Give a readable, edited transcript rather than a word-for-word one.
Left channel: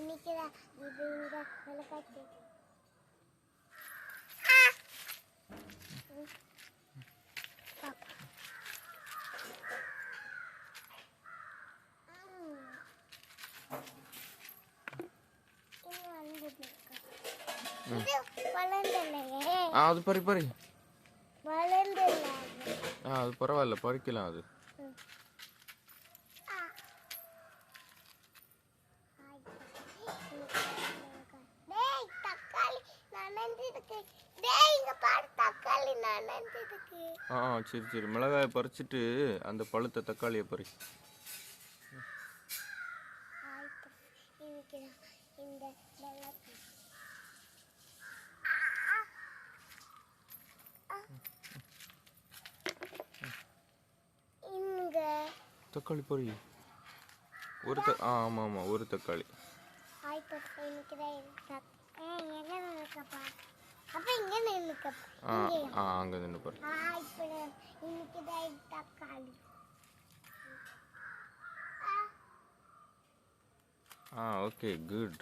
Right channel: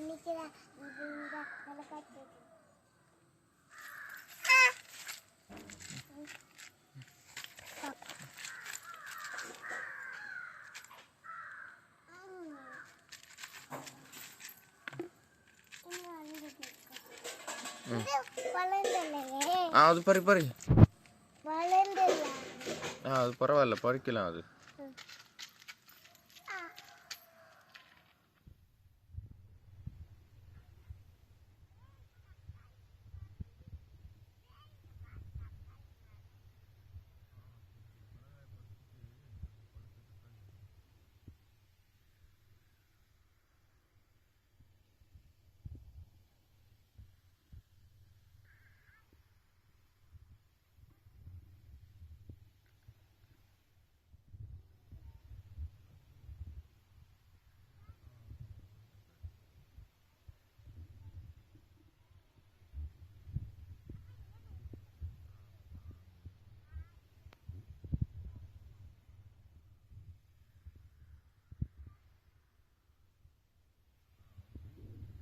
இன்னைக்கு தான் இது இந்த நிலக்காட்டு அது பறி அது பரவாயில்ல, பறிக்கலாம் அது. சரி சரி, மிளகாயை பறிச்சுட்டு அந்த பழுத்த தக்காளியை பறி. தக்காளி பொரி ஒரு ஆமாம் ஆமாம், ஒரு தக்காளி. அங்கே நின்று பாரு. Okay good.